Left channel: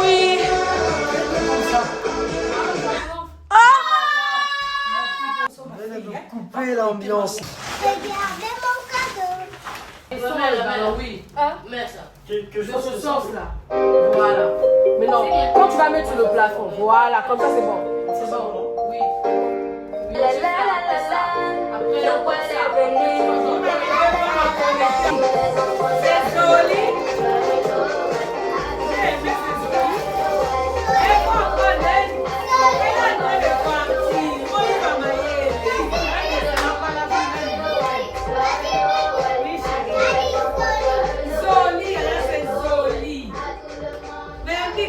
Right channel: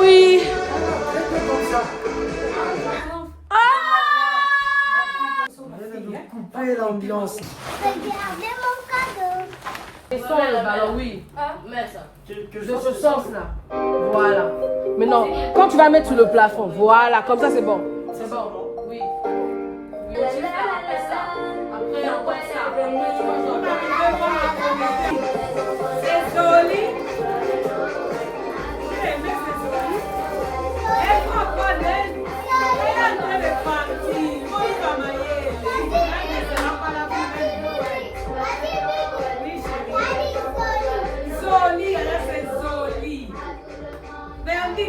Oui. Couper l'ambiance. Regardez mon cadeau. Oui. Mets ça. Dans ce sens-là. Voilà. Mais non, quand tu vas mettre sur le plafond, voilà, comme ça c'est bon. C'est bon. Oui. Après, on voit ça. C'est joli.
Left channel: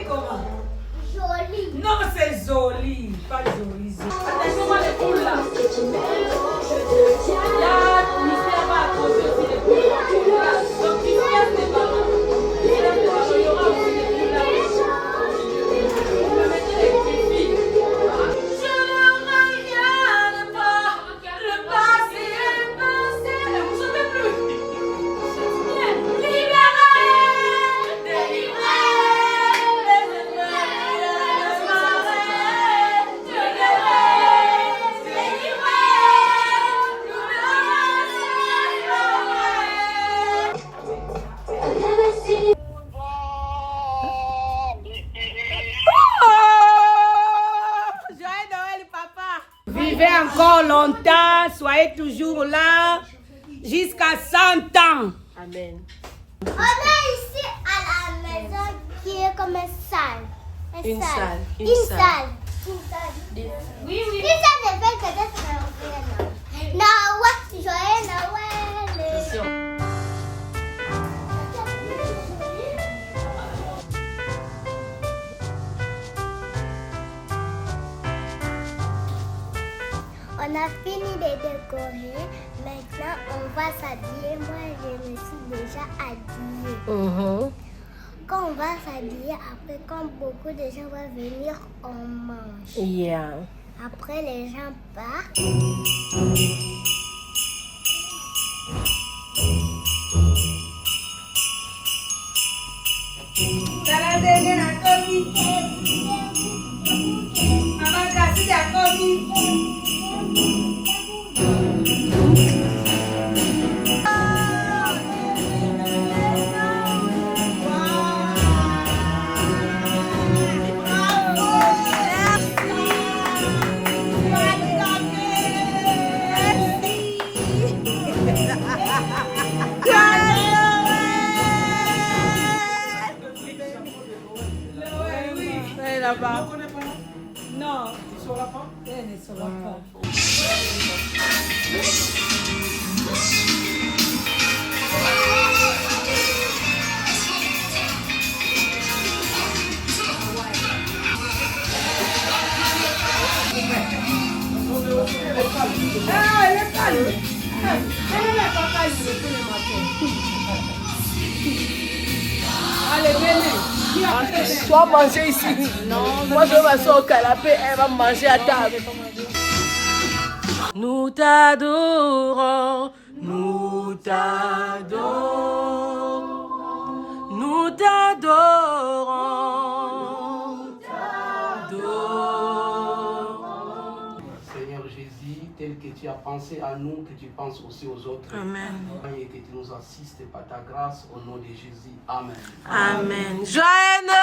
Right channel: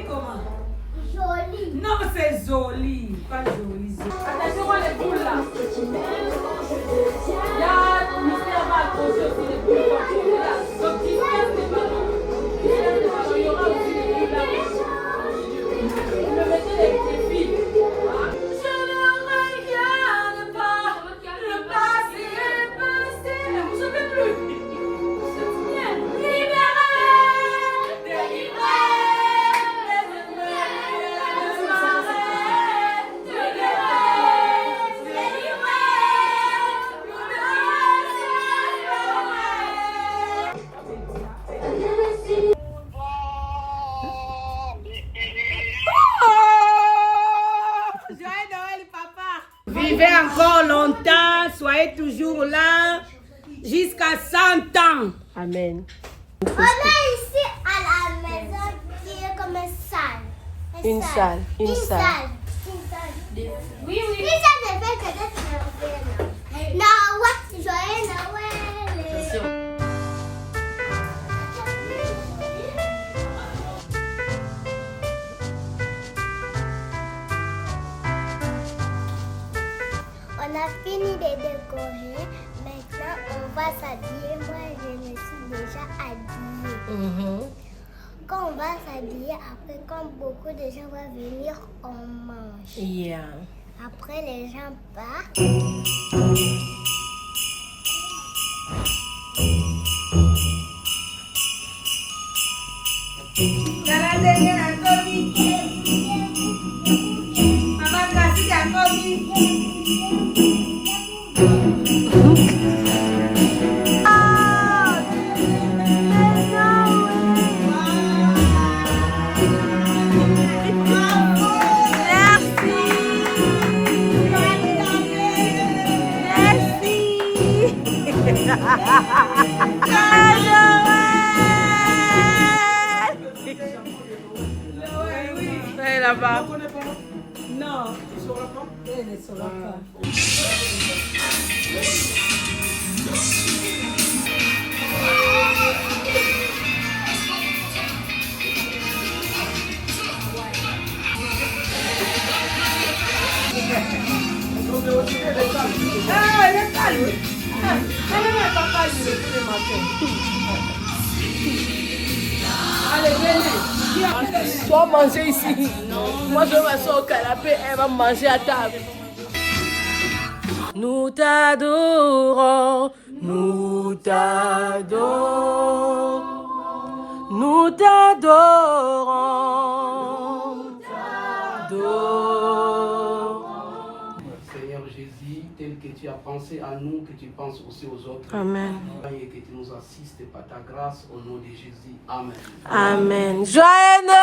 Comment? Joli. Non, c'est joli, pas joli. Attachez-moi les boules là. Il y a Mystère va accrocher aussi les boules. Donc tu casses les ballons. Tu casses les ballons, il y aura aussi les boules là. Vous me mettez les filles. Je ne regarde pas le passé, passé. Ne vous souvenez plus. Vivez encore longtemps, soyez toujours là jusqu'à 100 ans. Amen. On est ici à la maison qui est comme une salle. Une salle. Une salle. Oui, oui. Une salle de fête peut-être européenne. Noël, joyeux Noël. On a fini de décorer. Maintenant, on va s'habiller. Moi, je me suis déjà habillée. Quand on va s'habiller, après, quand beaucoup de gens vont venir, on mange. Yeah. Après, les gens partent. Maman, casse ta commis. Elle là-bas. Non. Elle ne saura pas. Toi manger ici. Non. Moi je vais m'asseoir au canapé, elle va manger à table. Nous t'adorons, nous t'adorons, nous t'adorons, Seigneur Jésus, tel que tu as pensé à nous, que tu penses aussi aux autres. Amen. Et que tu nous assistes par ta grâce au nom de Jésus. Amen. Amen. Joyeux Noël!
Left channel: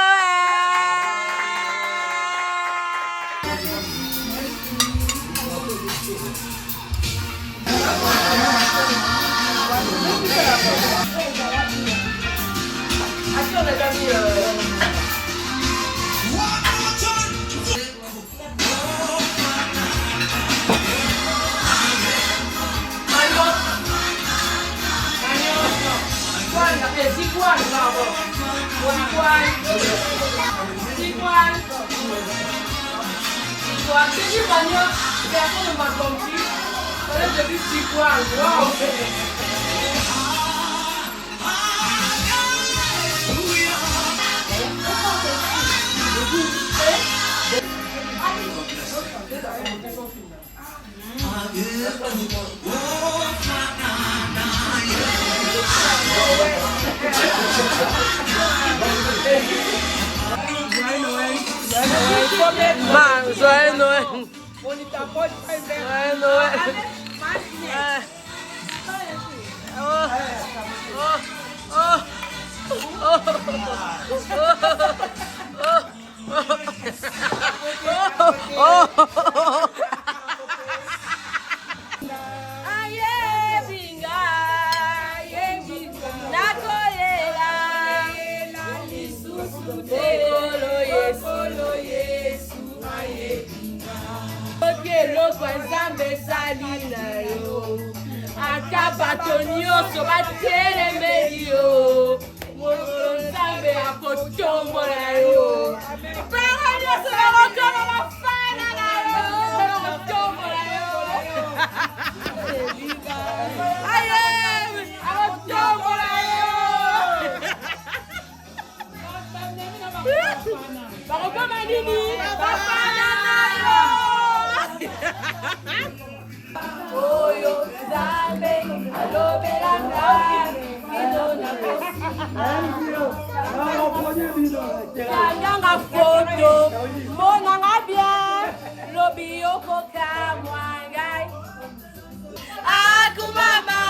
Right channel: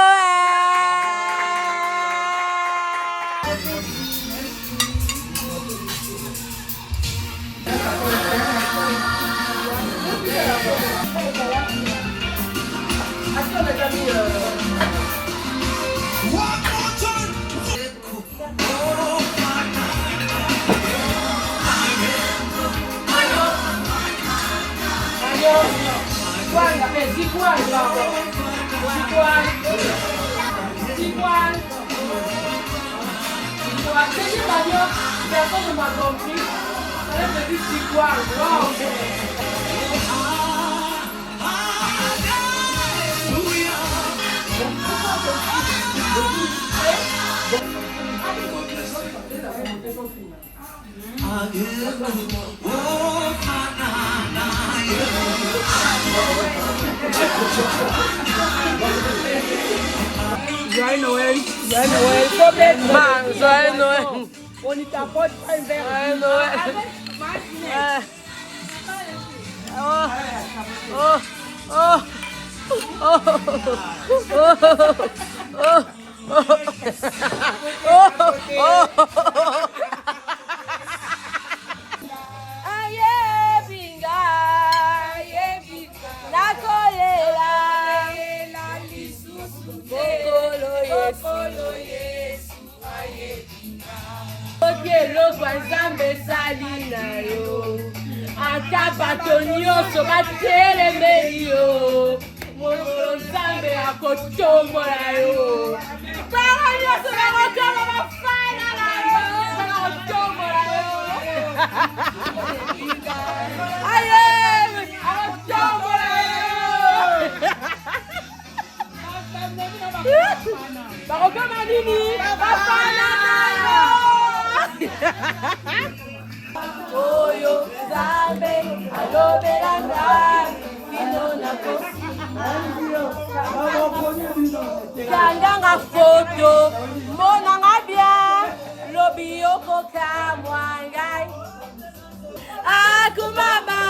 Oh, Joyeux Noël. Joyeux Noël. Man, joyeux Noël. On y t'apporte un verre. Joyeux Noël. Oh. Oh. Oh. Oh. Oh. Oh. Aye, binga. Aye, binga. Nakolela. Bokolo Yesu. Aye, binga. Okelo kwa Nzambe sali na yo. Ata bato nyonso batelemeli yo. Mokolo Nzambe akotombola yo. Bana nyonso bakokoma bafana na yo. Bakotombola yo. Aye, akotombola yo. Bakokoma nini? Bafana na yo. Oyo Nzambe alobela ngai kino nako kandanga foto monanga bien lobi okoka mwangai akumama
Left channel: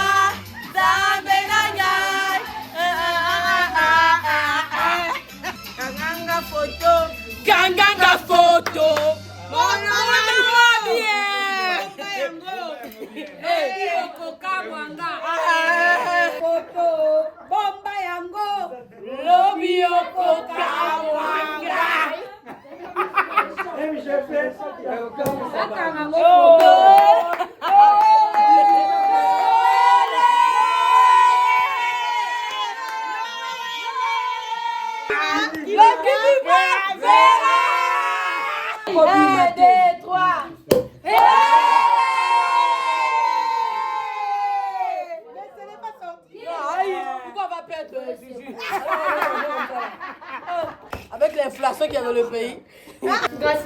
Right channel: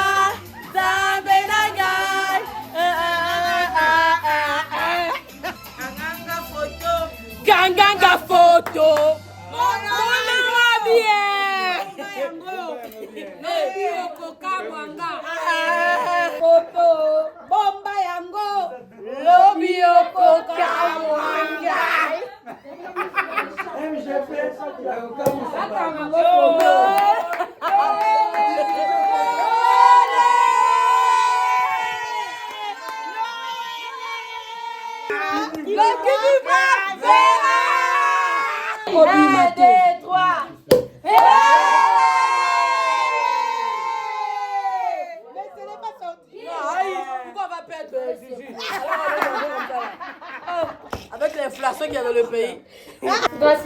Nzambe na ngai kandanga foto monanga bien bomba yango lobi okokamwanga Un, deux, trois. Pourquoi on va perdre Fifi? Avec l'inflation qu'il y a dans le pays.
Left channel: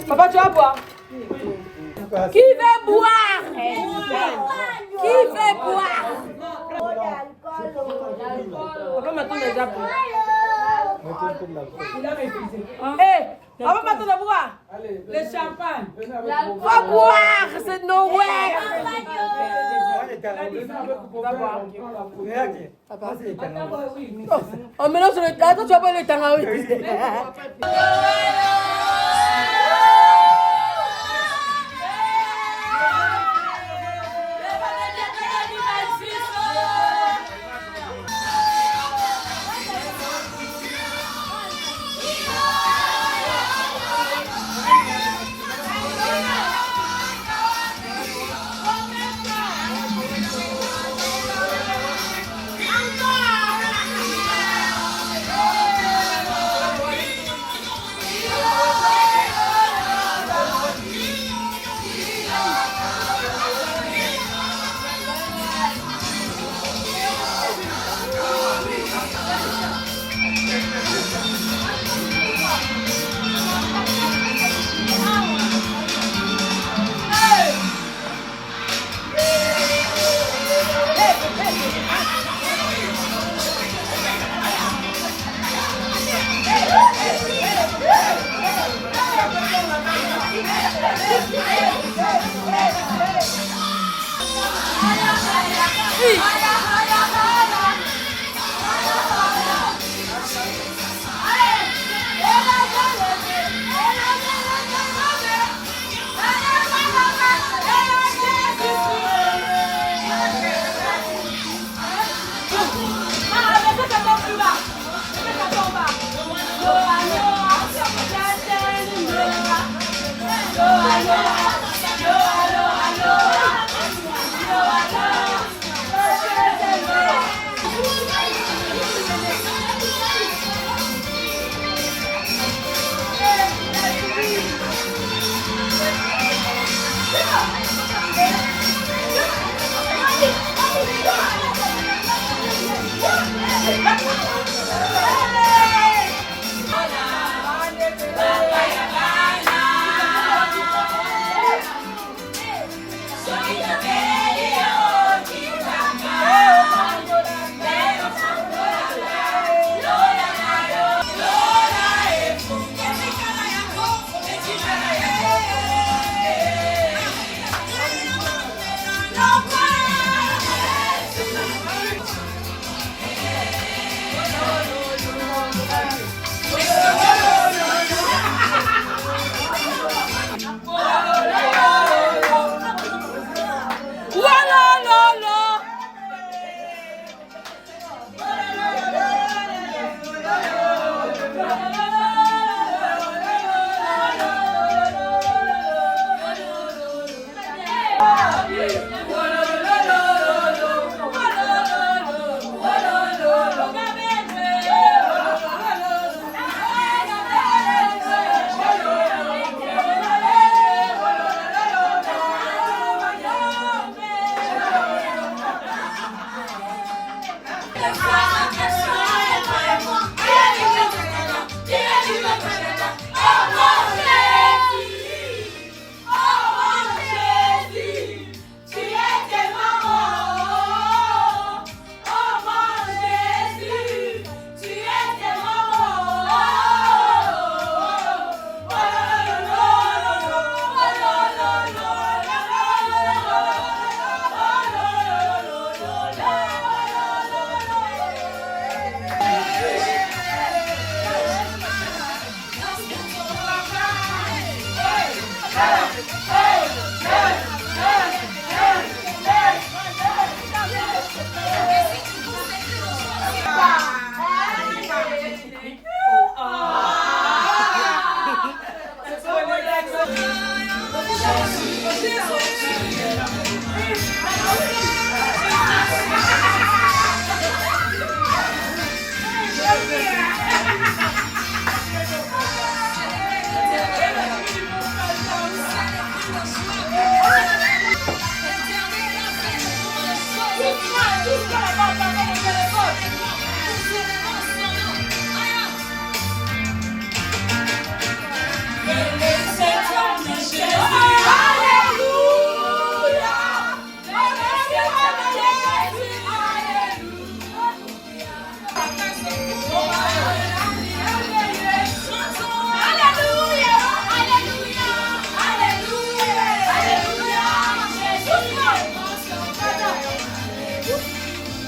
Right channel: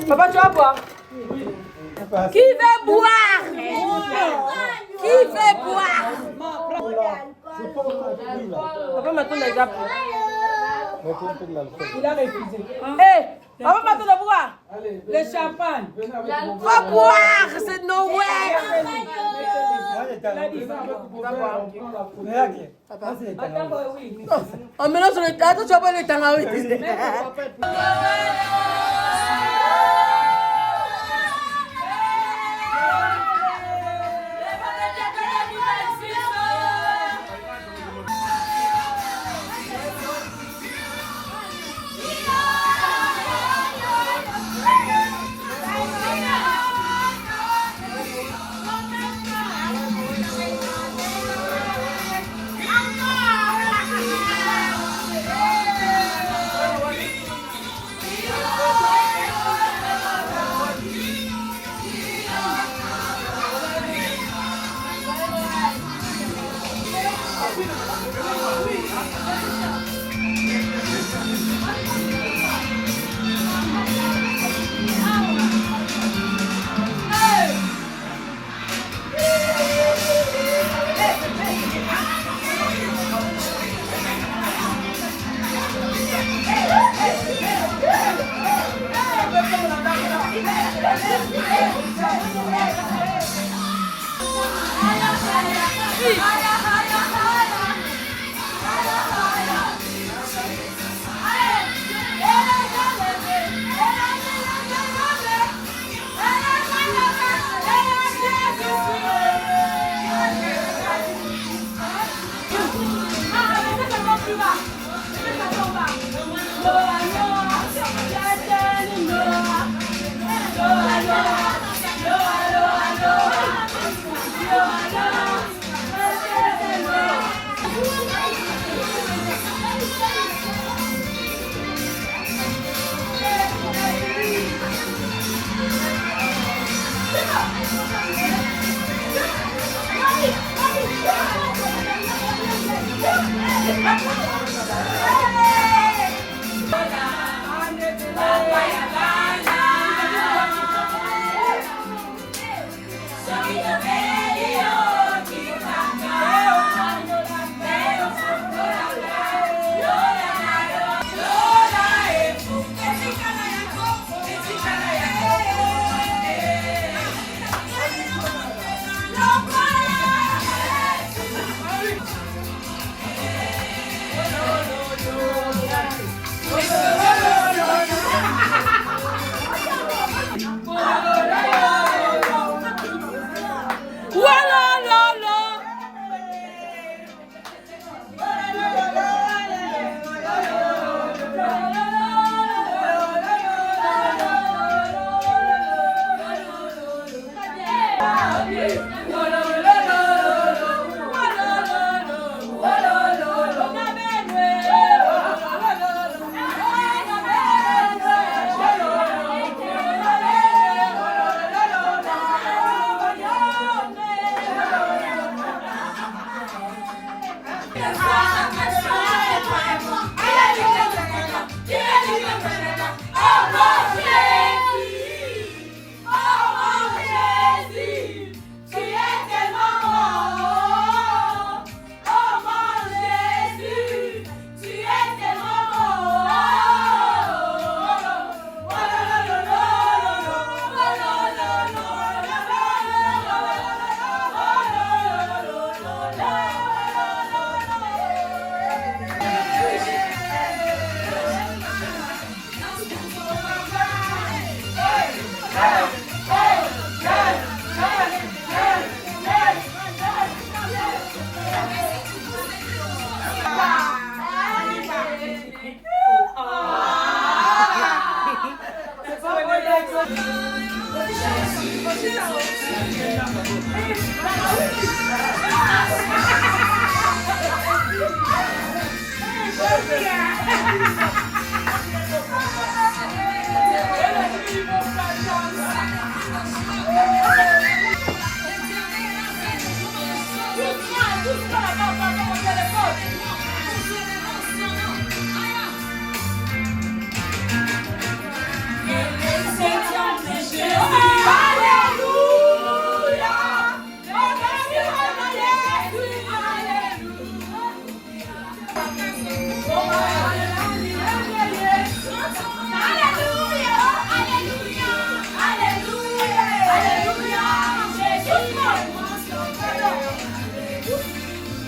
Papa, tu vas boire? Qui veut boire? Qui veut boire? Papa m'attend déjà plus. Hé, papa m'attend de boire. Le champagne. Va boire, c'est Noël. Va boire. Papa. On mélange le temps. Attends, tu vas pas le temps.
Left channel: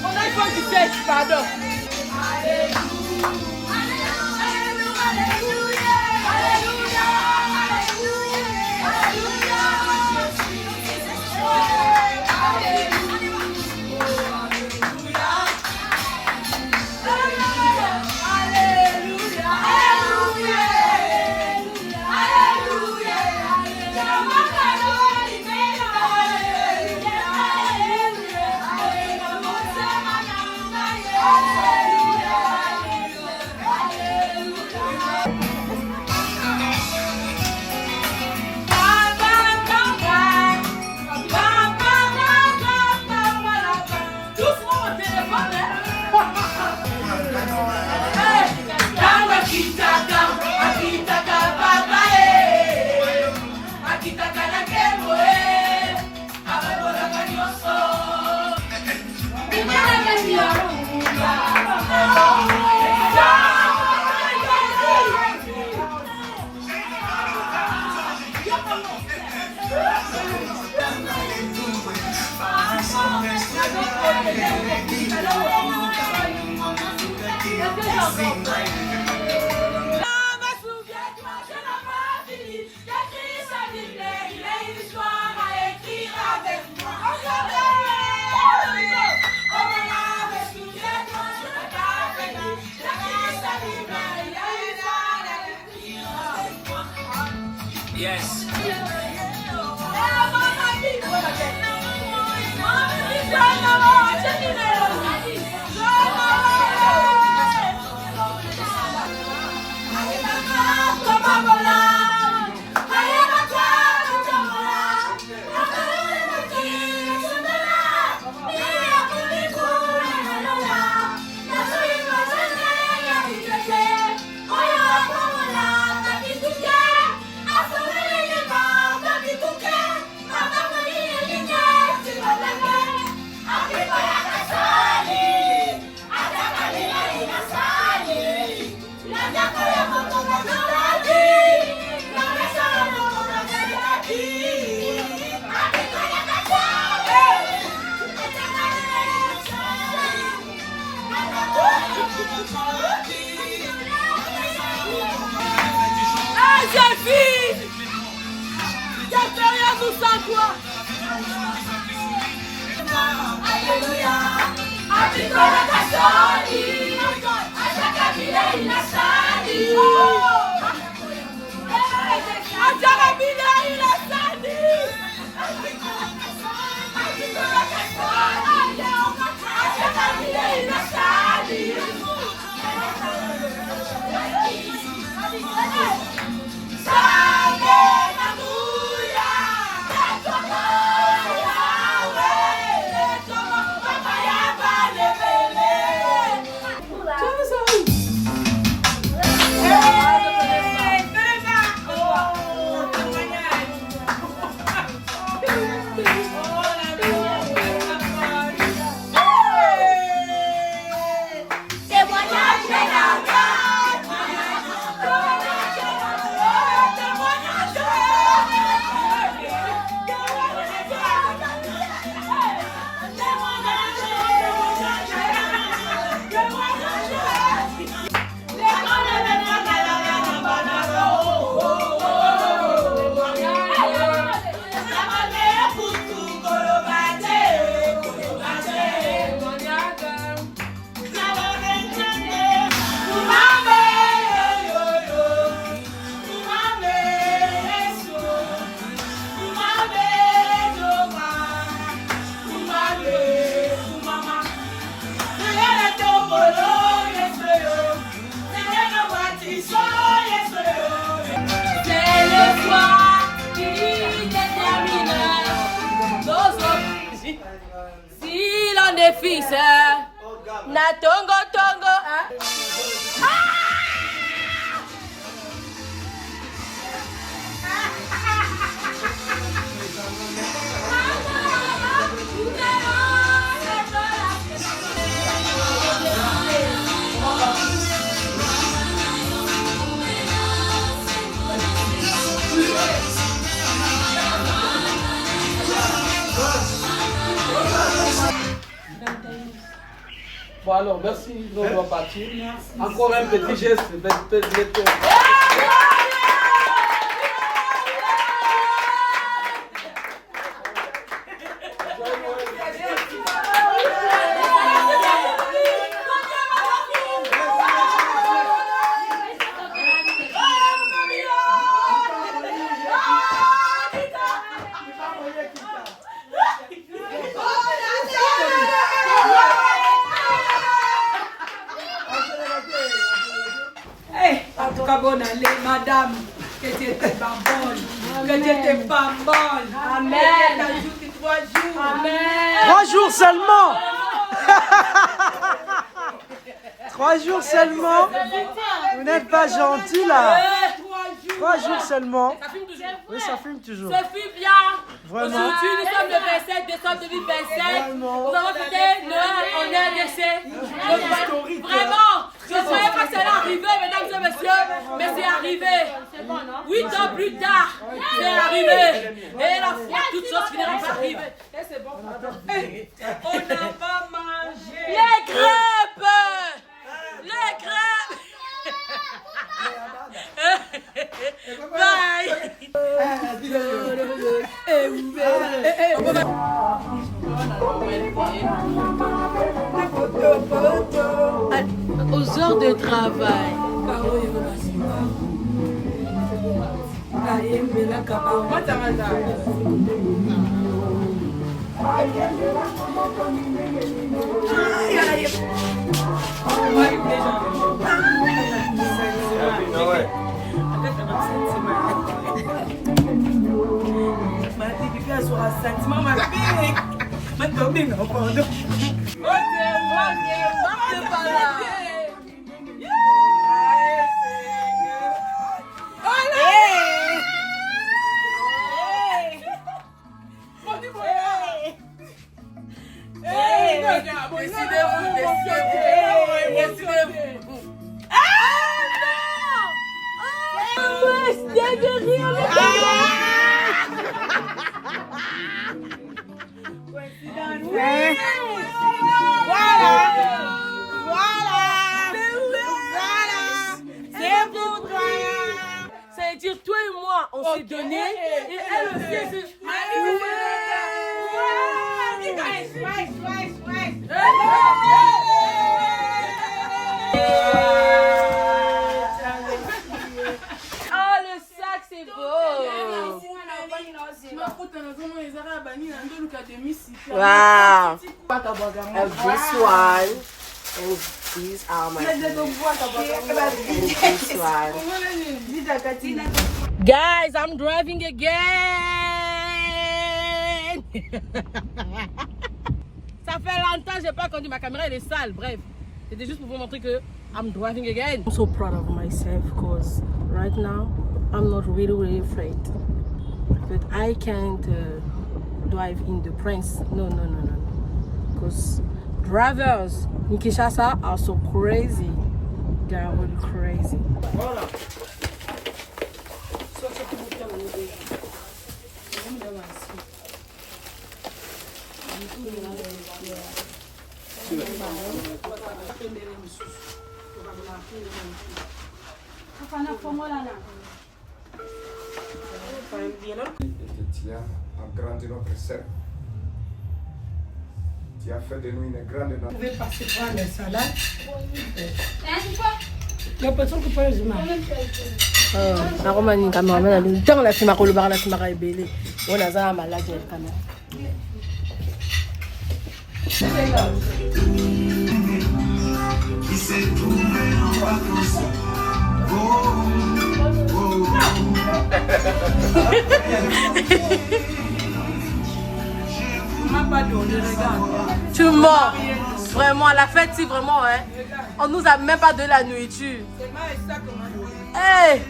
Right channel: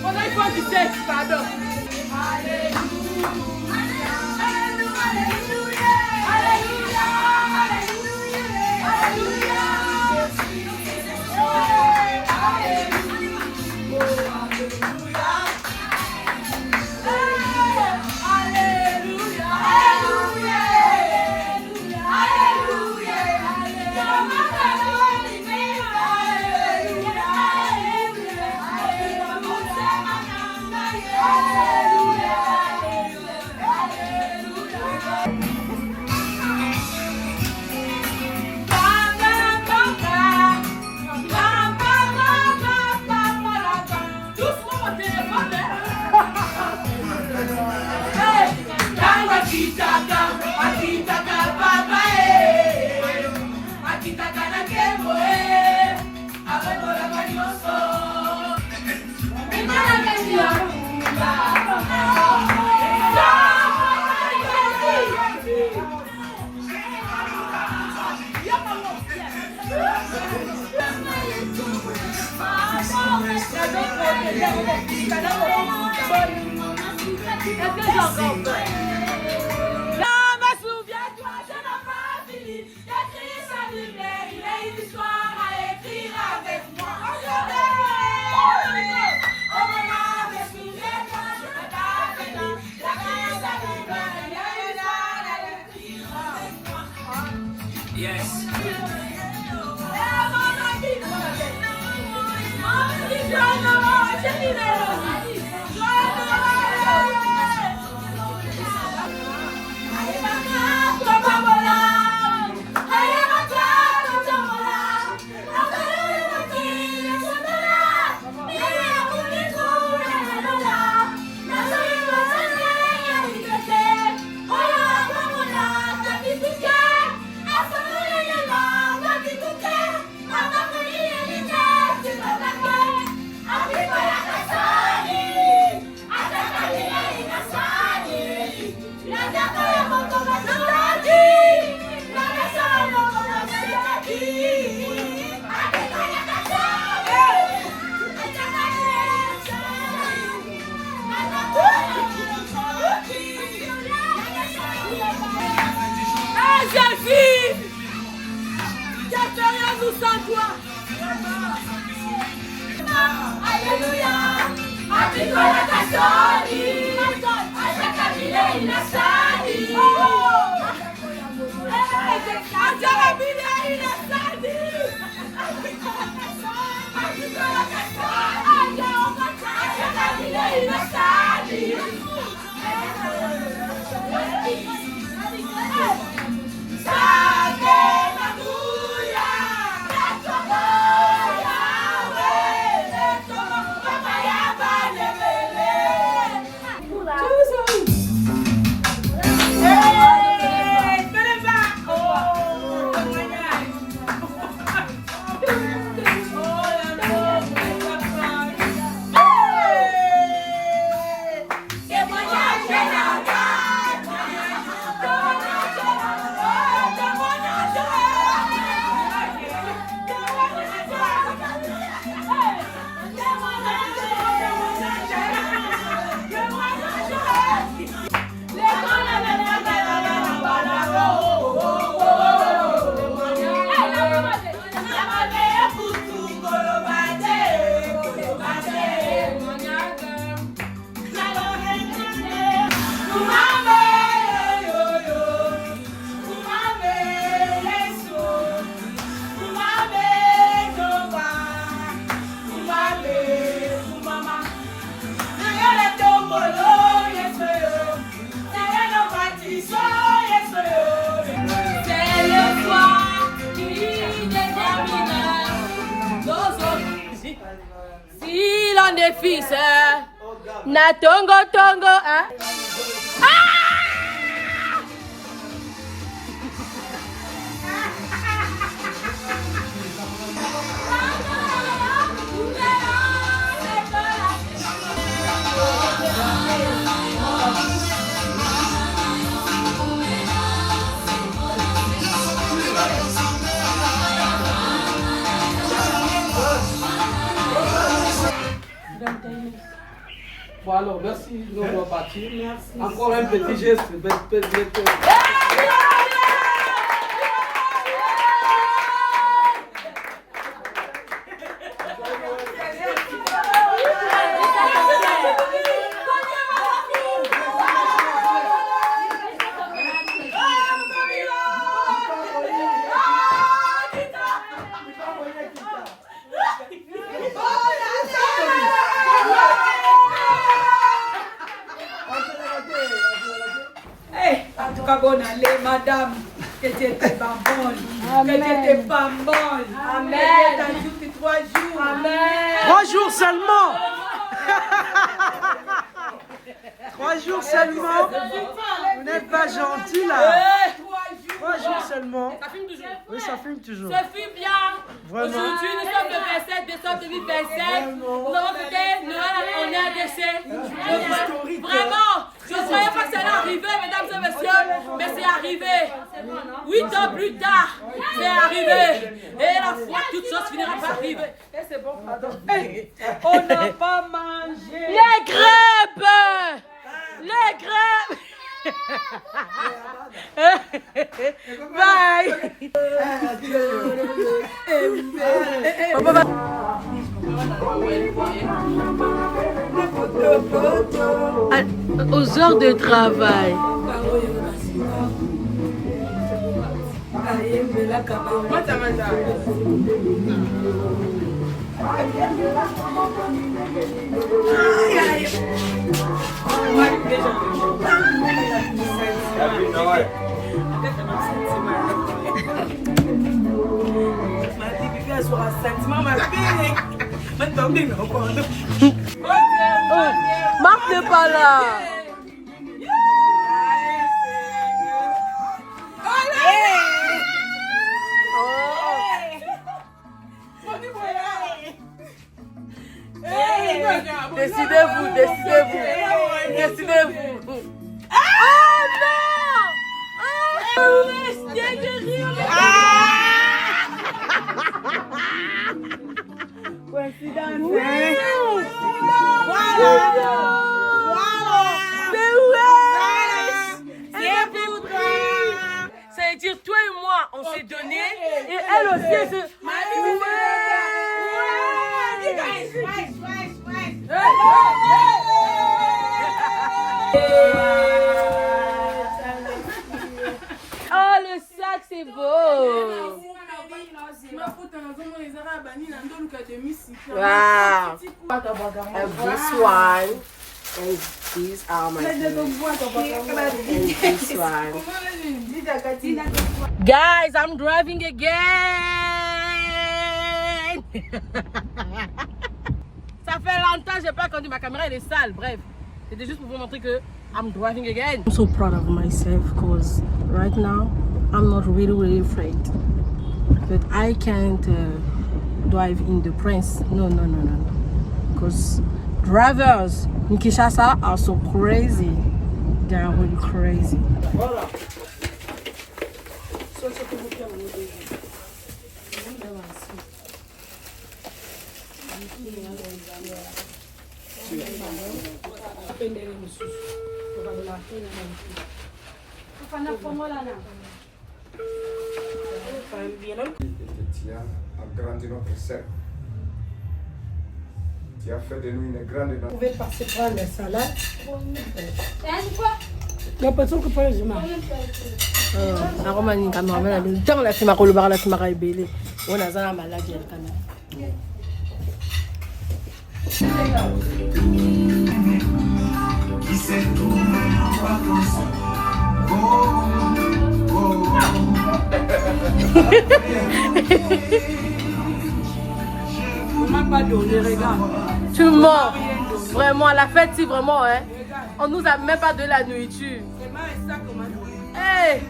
On a iPhone 17, pardon. Yes. Jeune fille, qu'espérions-nous sans toi? Alléluia. Apikola kasoni, ataka vile inasadi. Ataka vile inasadi. Apikola kasoni, ataka vile inasadi. Salve Maria, C'est le soir qui détermine nos autres. Si l'on est fils, na tongo tongo, hein? Bon alors, merci, nous allons partir. Encore un petit geste. En tout cas, bonne année, madame. Que tu étais pas bonne. Que tu étais pas bonne. Amen. 3 jours. Amen. 3 jours seulement. 3 jours seulement. Vous n'êtes pas gentil là. 3 jours seulement. Ça filme toujours. Oui, ça filme toujours. Ça filme bien. Vraiment. Aujourd'hui, nous sommes le 27 décembre 2027. Nous avons fêté Noël en RDC. Vraiment, je ne croyais pas que ça allait arriver, mesdames et messieurs, mais c'est arrivé. 8 ans plus tard, c'est arrivé. Et la foi, toute chose finira par arriver. Et c'est bon. On n'a pas mangé. Les crêpes! Les crêpes! Bye! Aux heures de travail. Marc n'est pas là. Décidez-vous, décidez-vous. Décidez-vous. Ah non! Ah oui, c'est derrière le c'est-à-dire, toi et moi, on s'est donné, et elle aussi, elle se... Oh, le sac, c'est beau! Wow! And this one, and these are my and this one. Guys, I'm driving again! Ça fait longtemps que j'ai pas conduit, ma caméra elle est sale, bref. C'était juste pour vous montrer que I'm driving again. I'm so proud of myself because right now I'm not really afraid. But I can't drive in the Prince. No. Because drivers in Kinshasa are so crazy. They are really crazy. Voilà. Tu as agrandi notre cercle. Tu as fait de nous une grande nation. Vous pouvez passer prendre la salade. La personne qui peut les humains. Aroma ni cameraman ali tant la sima ko lobara la sima ka ebele ona za malade el kana Tu mens. Vraiment, à la fête, si vraiment, hein. On nous a même pas donné la nourriture. Hey!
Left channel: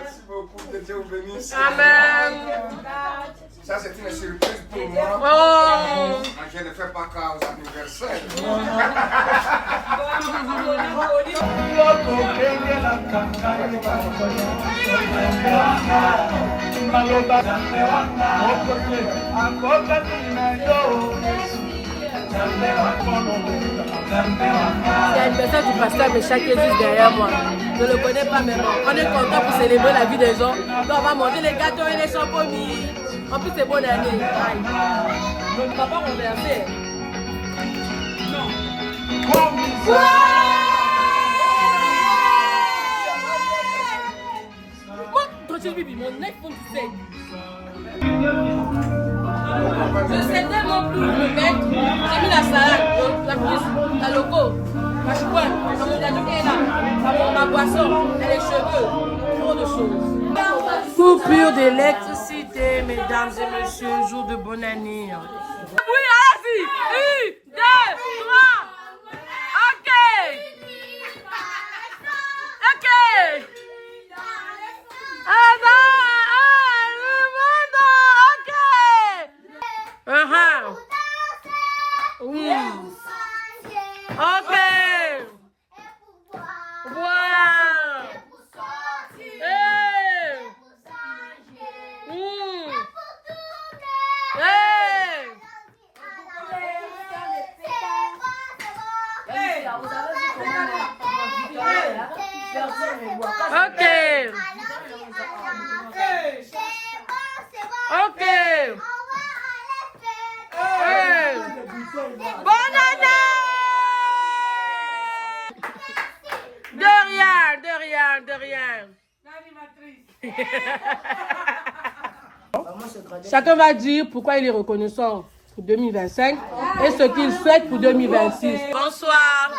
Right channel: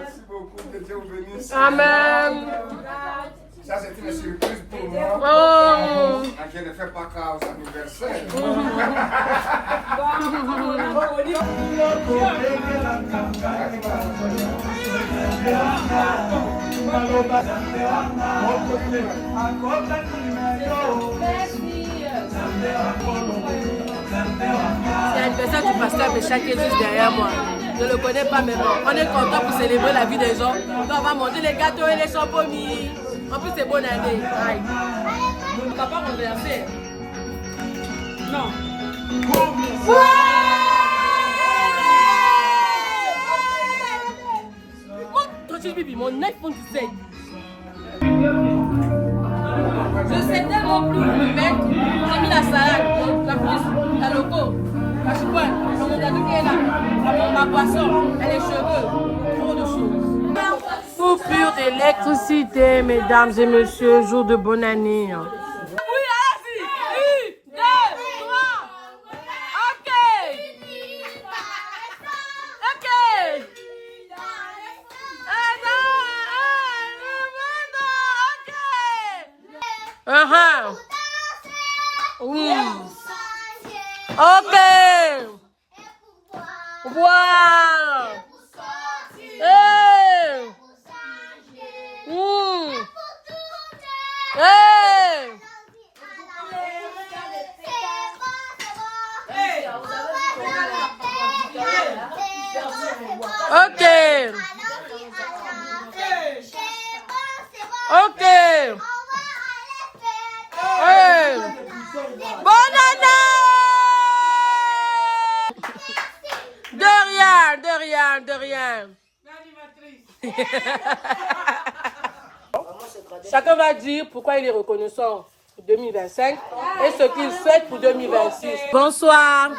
Merci beaucoup, que Dieu vous bénisse. Amen. Ça, c'est une surprise pour moi. Oh. Je ne fais pas cas aux anniversaires. Il y a une personne du pasteur Méchac qui est juste derrière moi. Je ne le connais pas même. On est content pour célébrer la vie des gens. Donc on va manger les gâteaux et les champomis. En plus, c'est bonne année. Aïe. On ne va pas renverser. Non. Mon iPhone 17. Je sais mon plus le mec. J'ai mis la salade, la cuisse, la loco, la chouette, mon gâteau est là, ma boisson, et les cheveux. Trop de choses. Coupure d'électricité, mesdames et messieurs, jour de bonne année. Oui, allez-y. 1, 2, 3. Ok. Ok. Ok. Wow. Hey. Hey. Ok. Ok. Hey. Bonne année. De rien, de rien, de rien. Chacun va dire pourquoi il est reconnaissant pour 2025 et ce qu'il souhaite pour 2026. Bonsoir.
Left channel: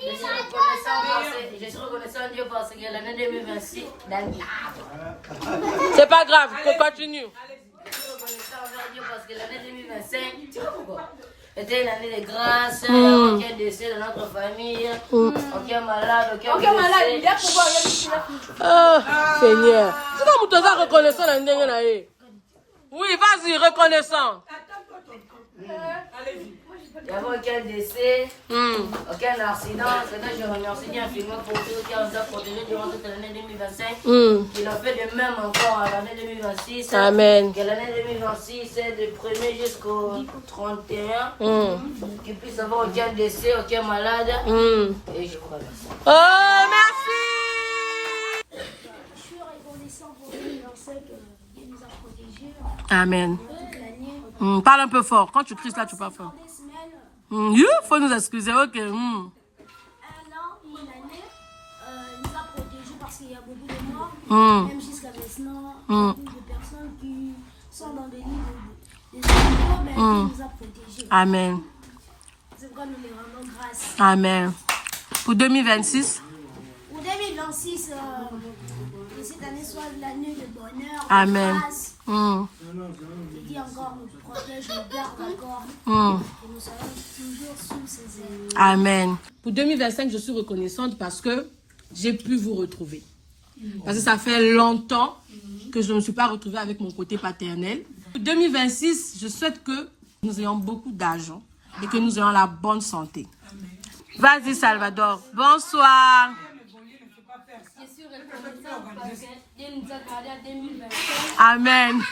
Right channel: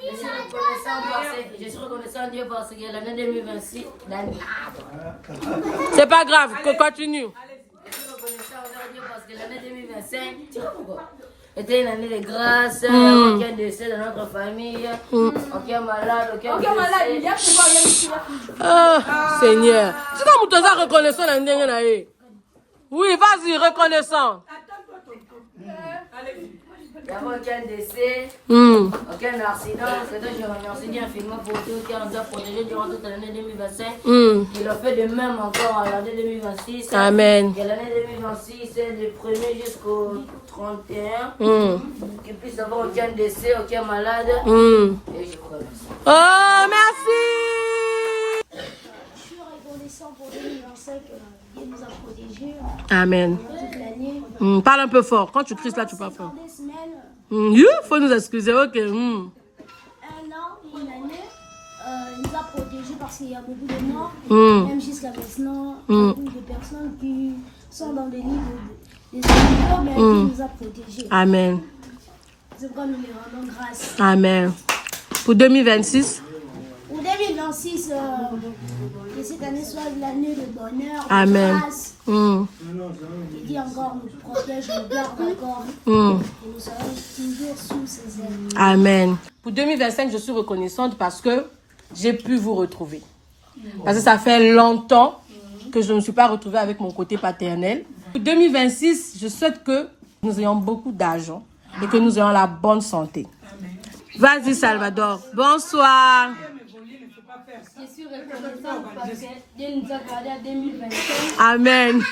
Je suis reconnaissant à Dieu parce que l'année 2026, C'est pas grave, qu'on continue. je suis reconnaissant envers Dieu parce que l'année 2025, tu vois pourquoi? C'était une année de grâce, aucun décès dans notre famille, aucun malade, aucun malade, il y a pouvoir Seigneur. C'est comme tu es reconnaissant l'année dernière. Oui, vas-y, reconnaissant. Il n'y avait aucun décès, aucun accident. C'est que je remercie Dieu infiniment pour tout qui nous a protégés durant toute l'année 2025. Il a fait de même encore à l'année 2026. Amen. Que l'année 2026, c'est du 1er jusqu'au 31. Qu'il puisse avoir aucun décès, aucun malade. Et je crois merci. Oh, merci. Je suis reconnaissant pour 2025 que Dieu nous a protégés Amen. toute l'année. Parle un peu fort. Quand tu cries là, tu parles fort. Des semaines, Faut nous excuser, ok. un an, une année, il nous a protégés parce qu'il y a beaucoup de morts. Même jusqu'à maintenant, beaucoup de personnes qui sont dans des livres des animaux, mais Dieu nous a protégés. Amen. C'est pourquoi nous les rendons grâce. Amen. Pour 2026. Pour 2026, que cette année soit l'année de bonheur, Amen. de grâce. Il dit encore, nous protège, nous garde encore. Et nous serons toujours sous ses ailes. Amen. Pour 2025, je suis reconnaissante parce que j'ai pu vous retrouver. Parce que ça fait longtemps que je ne me suis pas retrouvée avec mon côté paternel. Pour 2026, je souhaite que nous ayons beaucoup d'argent et que nous ayons la bonne santé. Vas-y, Salvador. Bonsoir. Je suis reconnaissante parce que Dieu nous a gardés à 2025. Amen.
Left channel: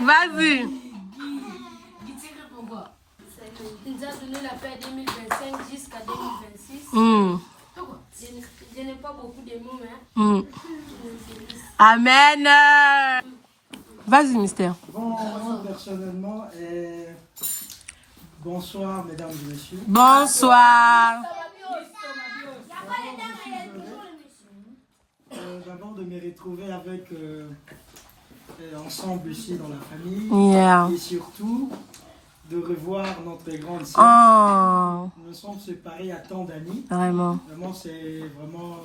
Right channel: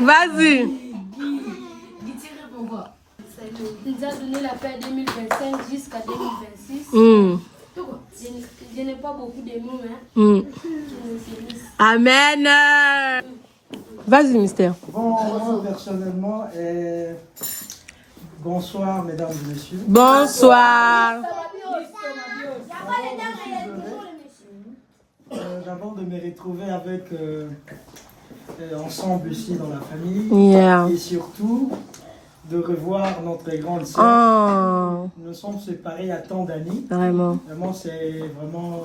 Vas-y. Il nous a donné la paix 2025 jusqu'à 2026. Je n'ai pas beaucoup de mots, mais je me félicite. Amen. Vas-y, Mystère. Bon, moi personnellement, bonsoir mesdames et messieurs. Bonsoir. vraiment de me retrouver avec ensemble ici dans la famille. Yeah. Et surtout de revoir notre grande sœur. Oh. Nous sommes séparés à tant d'années. Vraiment. Vraiment, c'est vraiment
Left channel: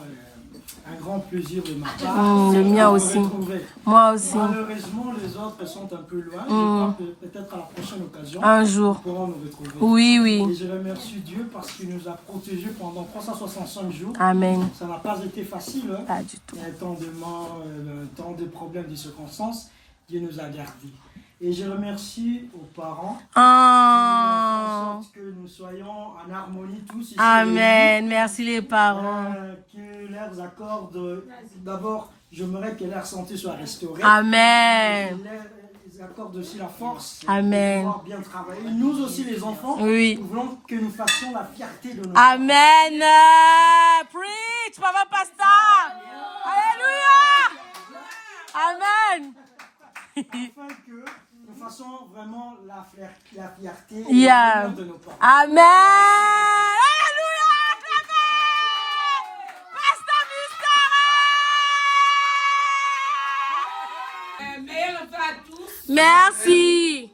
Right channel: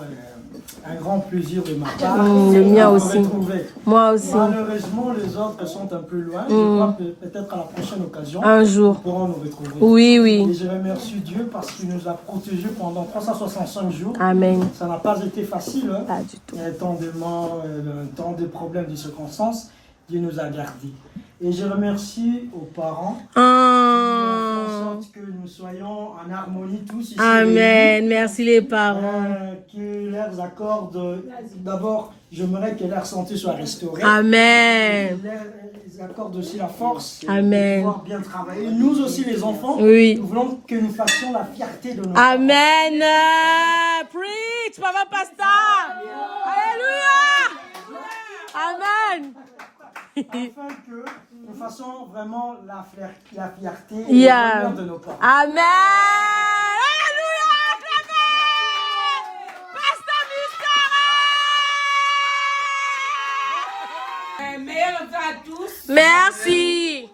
un grand plaisir de ma part. Le mien de aussi. me retrouver. Moi aussi. Malheureusement, les autres sont un peu loin. Je crois peut-être à la prochaine occasion, Un jour. nous pourrons nous retrouver. Oui, oui. Et je remercie Dieu parce qu'il nous a protégés pendant 365 jours. Amen. Ça n'a pas été facile. Hein. Pas du tout. Il y a tant de problèmes, de circonstances. Dieu nous a gardés. Et je remercie aux parents Oh. en sorte que nous soyons en harmonie tous ici. Amen. Merci les parents. Que leurs accordent, d'abord, j'aimerais que leur santé soit restaurée. Amen. Ils accordent aussi la force Amen. de pouvoir bien travailler. Nous aussi, les enfants, Oui. nous voulons que nous fassions la fierté de nos Amen. Preach, Papa Pastor. Alléluia. Amen. afin que nous fassions vraiment la fierté et Yeah. l'honneur de nos parents. Amen. Alléluia. Pasteur Mystère. Meilleur vœu à tous. Merci.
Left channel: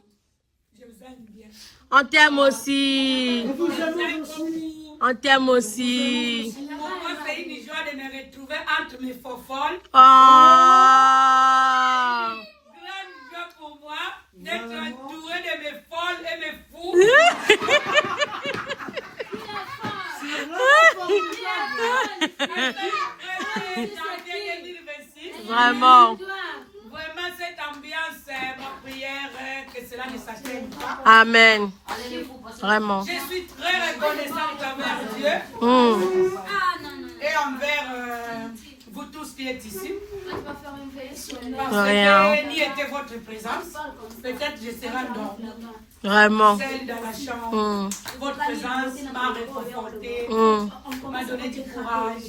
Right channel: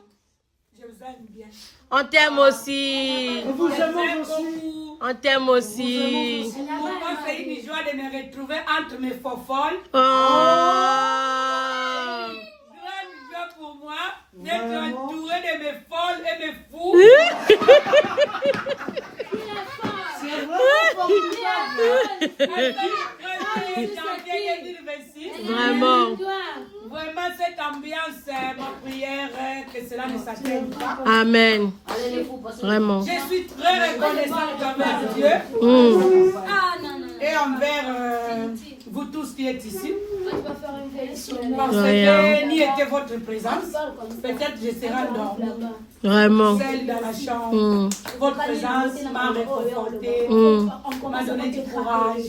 Je vous aime bien. On t'aime aussi. Nous vous aimons J'aime aussi. beaucoup. On t'aime aussi. Pour moi, c'est une joie de me retrouver entre mes fofolles. Oh. Grande joie pour moi d'être entouré de mes folles et mes fous. C'est vraiment Janvier 2026. Vraiment. Vraiment, cette ambiance, ma prière, que cela ne s'atteigne pas. Amen. Vraiment. Je suis très reconnaissante envers Dieu et envers vous tous qui êtes ici. Parce que n'y était votre présence, peut-être je serai endormie. Vraiment. Celle dans la chambre, votre présence m'a réconforté, m'a donné du courage,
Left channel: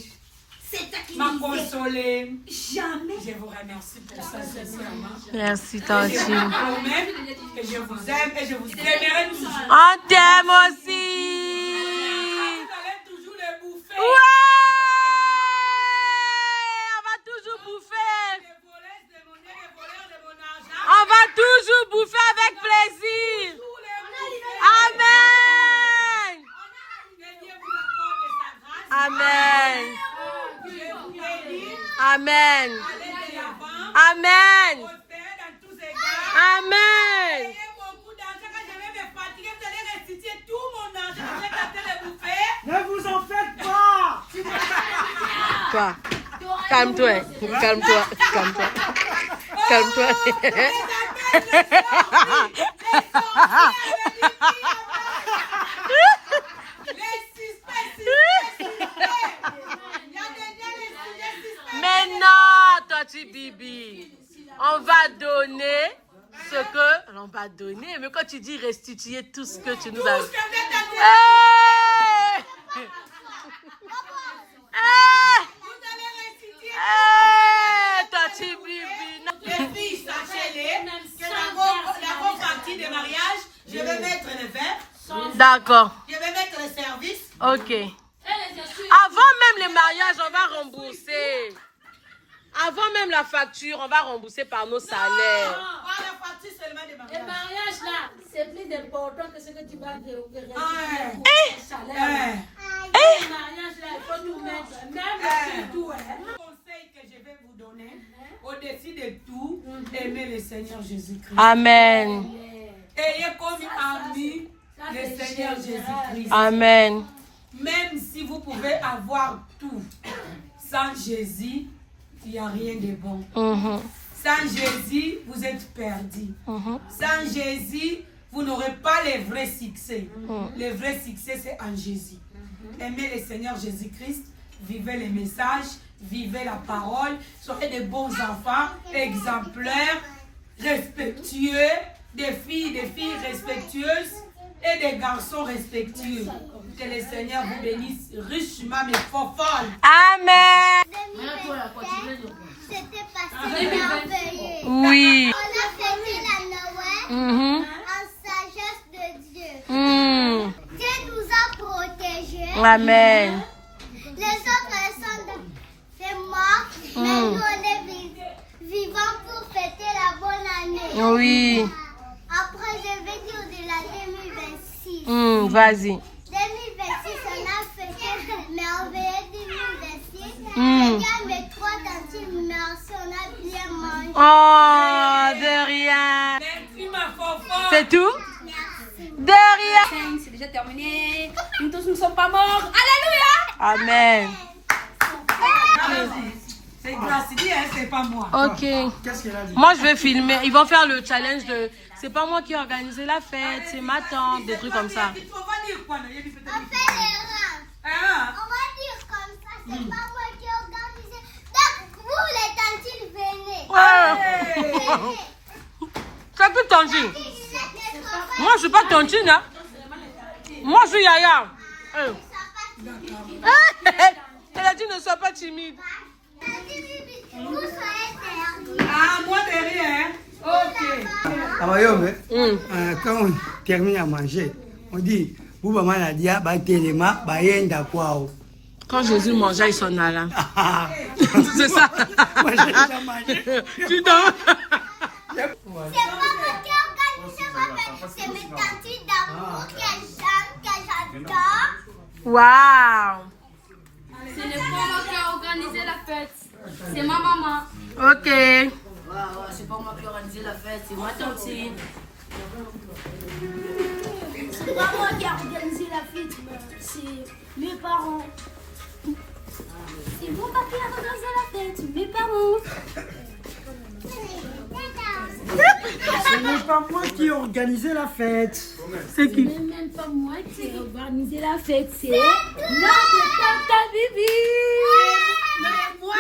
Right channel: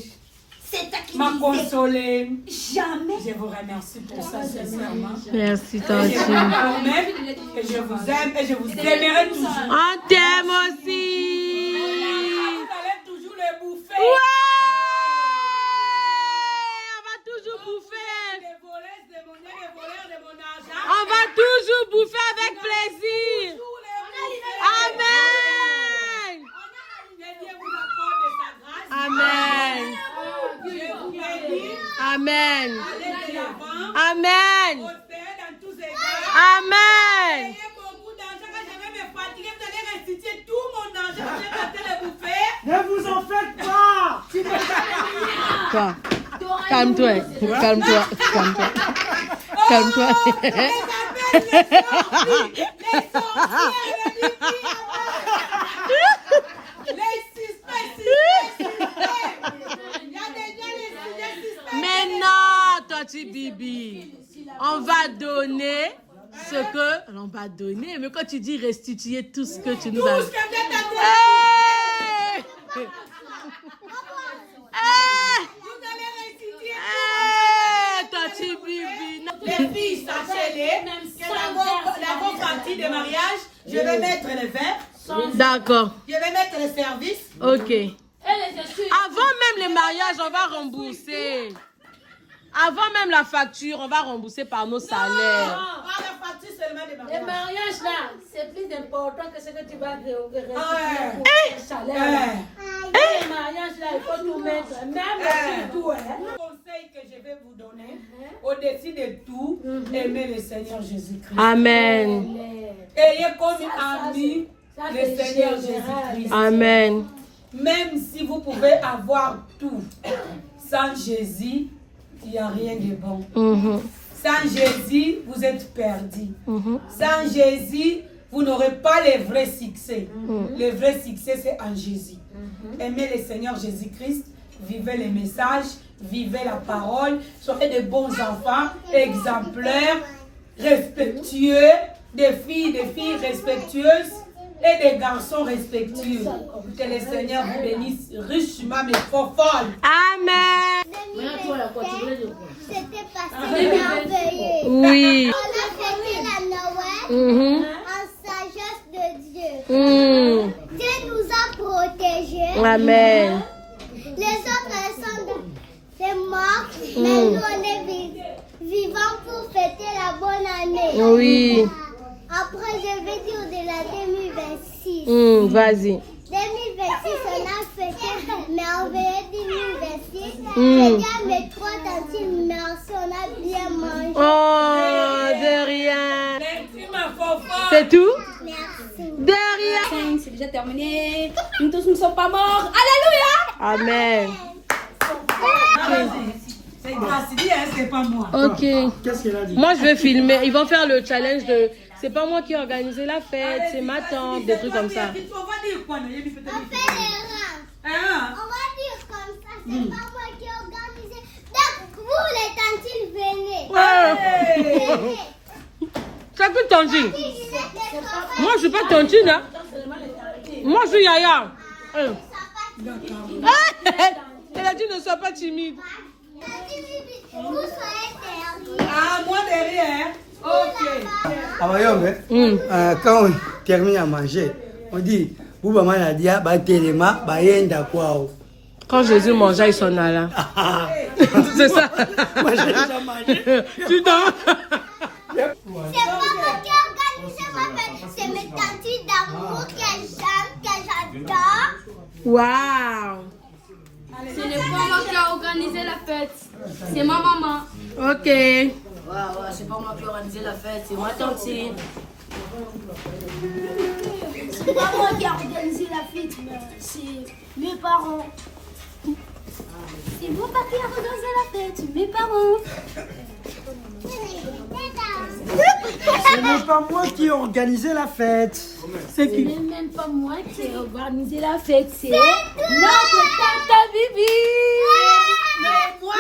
m'a consolé. Jamais. Je vous remercie pour ça, sincèrement. Merci, Je Tanti. vous promets que je vous aime et je vous aimerai toujours. On t'aime aussi. Vous allez toujours les bouffer. Ouais. On va toujours bouffer. Les voleurs de mon nez, les voleurs de mon argent. On va toujours bouffer avec plaisir. Tous les bouffer. Amen. Que Dieu vous accorde de sa grâce. Amen. Dieu vous bénit. Amen. Allez de l'avant. Amen. Prospérez dans tous égards. Amen. Ayez beaucoup d'argent. Quand je vais me fatiguer, vous allez restituer tout mon argent. Vous allez gâter les bouffer. Ne vous en faites pas. Toi. Calme-toi. Calme-toi. Calme-toi. Calme-toi. Mais non, Tanti Bibi. On va donner ce que... On va donner, mais quand tu dis restituer tout ce que tu nous as... Hey! Hey! Tanti Bibi. Les filles, sachez-les que la bonne partie de mariage, je vais mettre le verre, D'accord. je vais mettre le service. Ok. Avant même les mariages, on va rembourser. Avant même la facture, on va rembourser par nos salaires. Pas la partie seulement des Le mariages. mariage là, c'est plus important que ce que tu vas réussir Ouais. pour le salaire. Le mariage là, il faut tout mettre. Même tout, hein. Le conseil que je vais vous donner, au-dessus de tout, aimez le Seigneur Jésus-Christ. Amen. Ayez comme ami le Seigneur Jésus-Christ. Amen. Même si vous pouvez avoir tout, sans Jésus, il n'y a rien de bon. Sans Jésus, vous êtes perdu. Sans Jésus, vous n'aurez pas le vrai succès. Le vrai succès, c'est en Jésus. Aimez le Seigneur Jésus-Christ, vivez les messages, vivez la parole, soyez de bons enfants, exemplaires, respectueux, des filles respectueuses et des garçons respectueux. Que le Seigneur vous bénisse richement, mes fofolles. Amen. C'était passé merveilleux. Oui. On a fêté la Noël en sagesse de Dieu. Dieu nous a protégés. Amen. Les autres sont des morts, mais nous, Oui. Après, je vais dire de la 2026. Vas-y. 2026, on a fêté merveilleux 2026. Je dis à mes 3 tantes, merci, on a bien mangé. Oh, de rien. Merci ma fofa. C'est tout? Merci. De rien. C'est déjà terminé. Nous tous ne sommes pas morts. Alléluia. Amen. C'est grâce, dis, hein, c'est pas moi. Ok. Qu'est-ce qu'elle a dit? Moi, je vais filmer. Ils vont faire le challenge de... C'est pas moi qui ai organisé la fête, c'est ma tante, des trucs comme ça. On va dire quoi, non? Il y a du peut-être On fait l'erreur. Hein? On va dire comme ça, c'est pas moi qui ai organisé. Donc, vous, les tantes, venez. Ah. Venez. C'est plus tontine. Moi, je suis pas tontine, hein. Moi, je suis Yaya. Elle a dit ne sois pas timide. Vous soyez derrière. Ah, moi derrière. Ok. Quand on termine à manger, on dit, vous maman a dit, bah téléma, bah yenda quoi. Quand Jésus mangeait, il s'en allait. C'est ça. Moi j'ai déjà mangé. Tu dors. C'est pas moi qui ai organisé ma fête, c'est mes tantes d'amour qu'elles chantent, que j'adore. Waouh. Ce n'est pas moi qui ai organisé la fête. C'est ma maman. Ok. Ouais, c'est pas moi qui ai organisé la fête, c'est ma tante. C'est pas moi qui ai organisé la fête, c'est mes parents. C'est mon papa qui a organisé la fête, c'est mes parents. Ce n'est pas moi qui ai organisé la fête. C'est qui? Ce n'est même pas moi qui ai organisé la fête. C'est notre tante Bibi. Mais moi,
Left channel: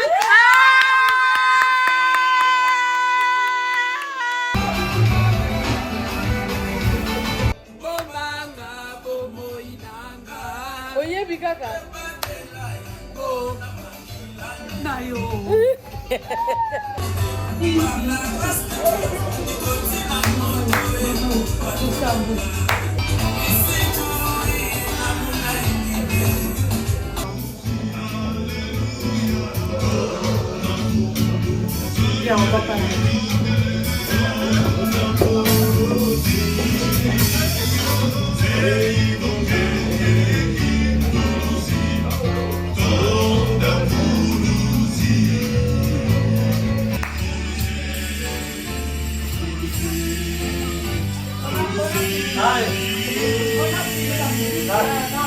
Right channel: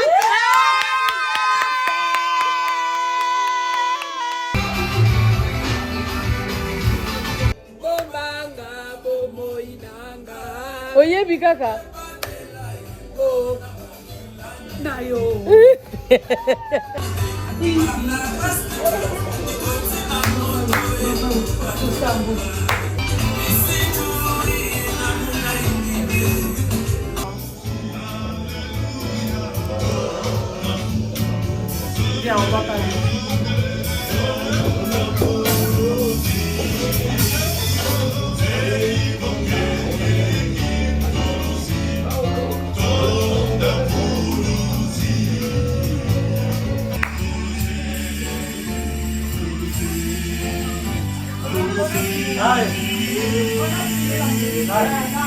Oye, Bikaka. Nayo. Viens, on va parler. Allez.